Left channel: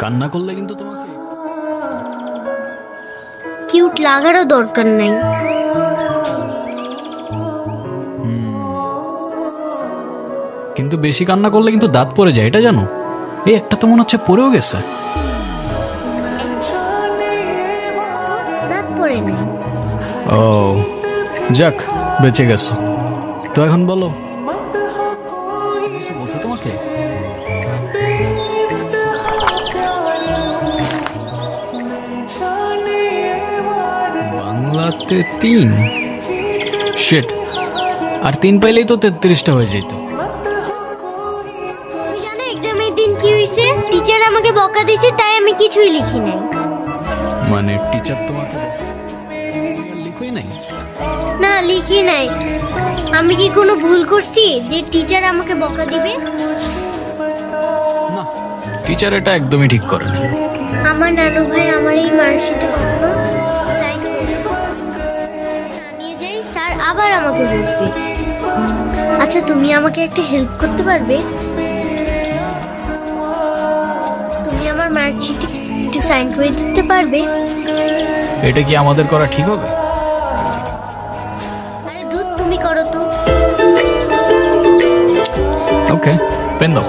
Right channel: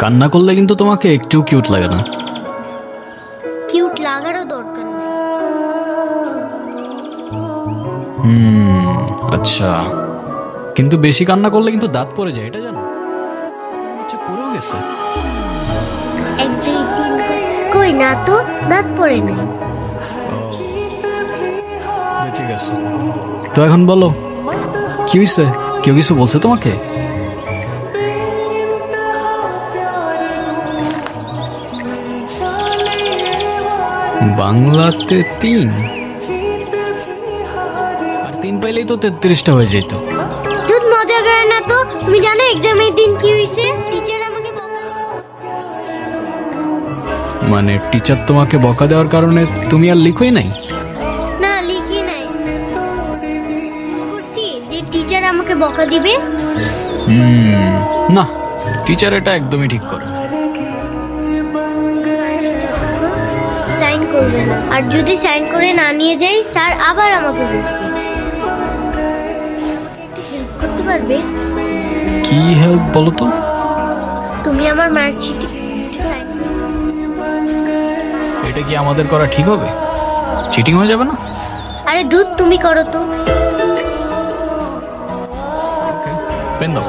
কান্না করলে কিন্তু তোমাকে একটু কিউট লাগে না। কিউট লাগারও দরকার নাই। আচ্ছা, কিন্তু বেশি কান্না করলে কিন্তু দাঁত পড়ে যায়, এটা জানো? এই একটা তো মনে হচ্ছে পড়েও গেছে। কই না তো, দাঁত পড়ে নাই। ও যাক, বেঁচে গেছো। তো এখন বলো কি হয়েছে? কেউ কিছু বলছে তোমাকে? বাংলাতে 3? শিট, আর 3 পাইলেই তো 33টা হয়ে যেত। দুধ মজা করে না তো। তুমি জানো এক্সামের দিন কি হয়েছে? টিচার আমাকে বকা দিয়েছে, তাই আমি কিছুই লিখি নাই। মানে টিচার তোমাকে বকা দেওয়ার কারণে তুমি আর লিখোই নাই? না, লিখি নাই। আমি কি কোনো ভুল করছি যে টিচার আমাকে বকা দিবে? না, টিচার এটা একদমই ঠিক করে না। আমার নানু ভাই আমার এই মার্কশিটে কখনো সাইন করবে না, আর যদি সাইন করে না নিয়ে যাই স্যার আবার আমাকে বকবে। আচ্ছা, তুমি আমাকে একটা হেল্প করতে পারবে? কি হেল্প বলো তো? তুমি আমার মার্কশিটে একটু সাইন করে দিতে পারবে? এটা কি আমাদের করা ঠিক হবে? চিটিং হয়ে যাবে না? আরে দুধ, তুমি করো তো। ওকে, পেন দাও।